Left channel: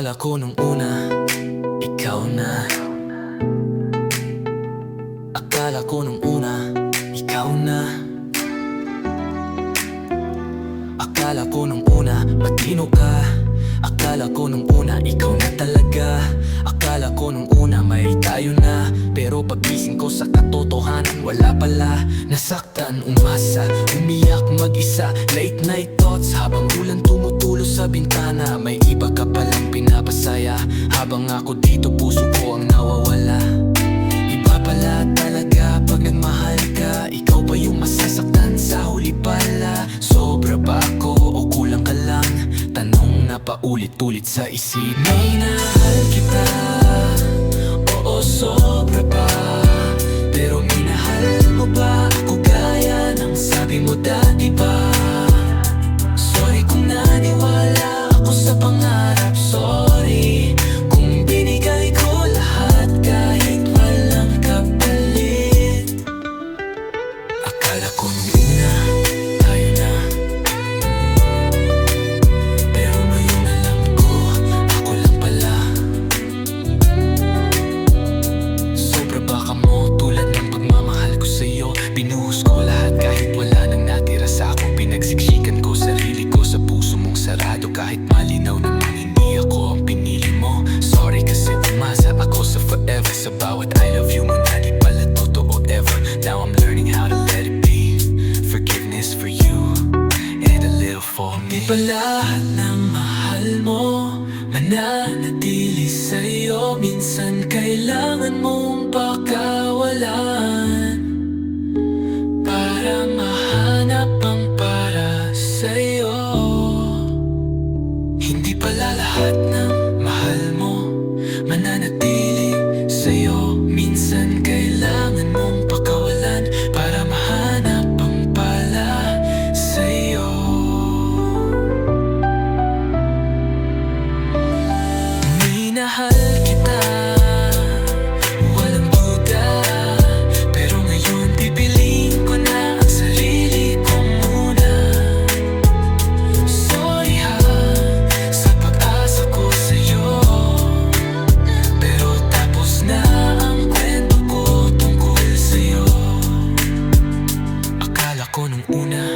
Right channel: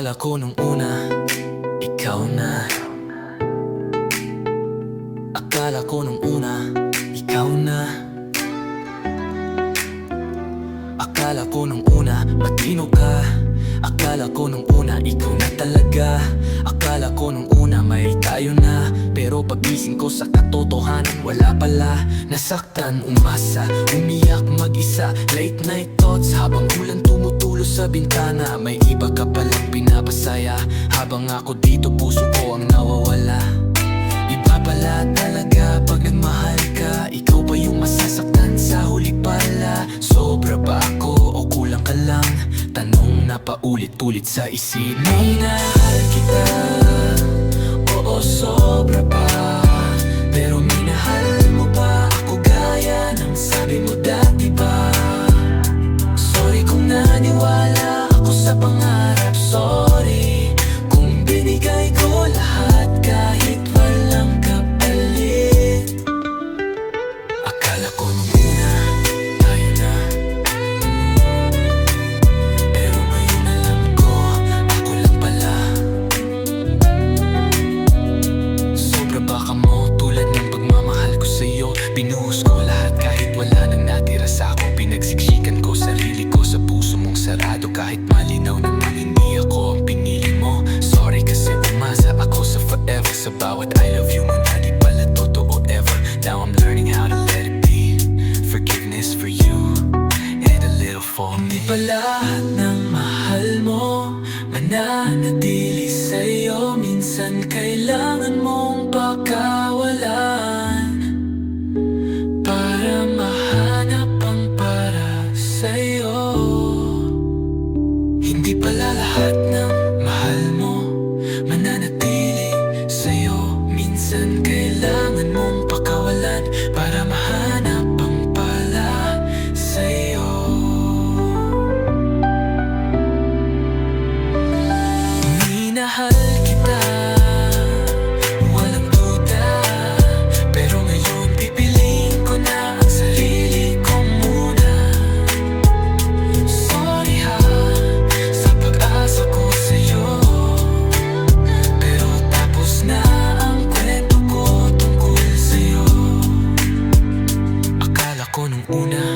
Akala ko nung una, ikaw na. Akala ko nung una, ikaw na. Akala ko nung una, matino ka. Akala ko nung una, ikaw na talaga. Akala ko nung una, may tayo na. Pero pagising ko sa katotohanan, wala pala. Nasaktan, umasa, umiyak mag-isa. Late night thoughts, habang ulan tumutulo sa bintana. May iba ka palang pinapasaya, habang ako dito puso ko ang nawawala. Iba pala talaga pag nagmahal ka. Ikaw ba yung masasaktan sa huli pala? Sobra ba ako o kulang ka lang? Tanong na paulit-ulit sa isip. Minahal kita, oo sobra pa. Pero minahal mo ba ako gaya ng sabi mo dati ba? Sorry kung naniwala ako sa pangarap. Sorry kung binigay ko lahat kahit walang kapalit. Akala ko nung una, tayo na. Pero ngayon alam ko, ako lang pala. Sobra baka mo tulad ng pagmamahal ko sa'yo. Binuhos ko lahat kahit wala nang natira sa ako. Pinagsiksikan ko sarili ko sa puso mong sarado. Kahit malinaw namang hindi ako ang pinili mo. Sorry kasi umasa ako sa forever. Sa bawat I love you mo na di pala totoo ever. Now I'm learning how to let it be. Forgiveness for you and a little for me. Di pa lahat ng mahal mo mananatili sa'yo. Minsan kailangan mong pakawalan para mahanap ang para sa'yo. Hindi pala lahat ng mahal mo mananatili sa'yo. Minsan kailangan mong pakawalan para mahanap ang pala sa'yo. Minahal kita, walang duda. Pero ngayon pipiliin ko na ang sarili ko muna. Sorry ha, sa pag-asa ko sa'yo. Pero tapos na ang kwento ko tungkol sa'yo. Akala ko nung una,